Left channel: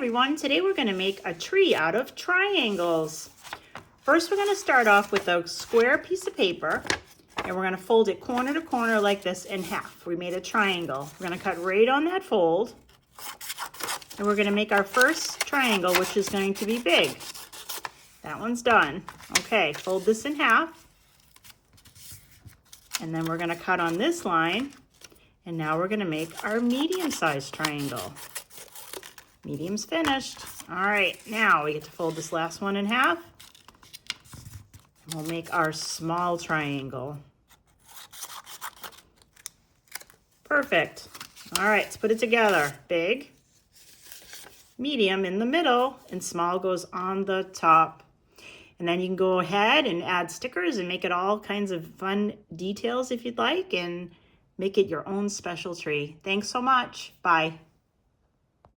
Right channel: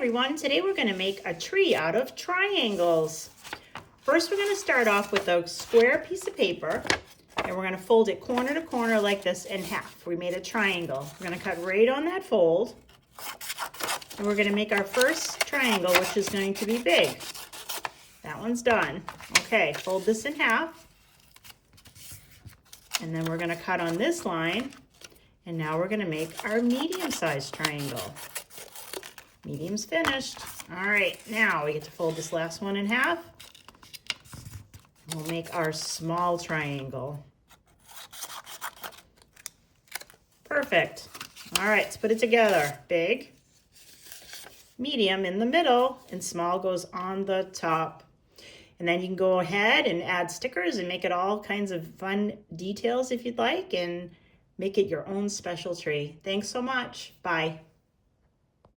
everyone, today we're going to make a tree out of triangles. First we're going to start off with a square piece of paper and we're going to fold it corner to corner like this in half. We made a triangle. We're going to cut right on that fold and we're going to make our first triangle, which is going to be big. That one's done. Okay, fold this in half and then we're going to cut on this line, and now we're going to make our medium-sized triangle. Medium's finished. All right, now we get to fold this last one in half. We'll make our small triangle. Perfect. All right, let's put it together. Big, medium in the middle, and small goes on the top. And then you can go ahead and add stickers and make it all kinds of fun details if you'd like, and make it your own special tree. Thanks so much. Bye.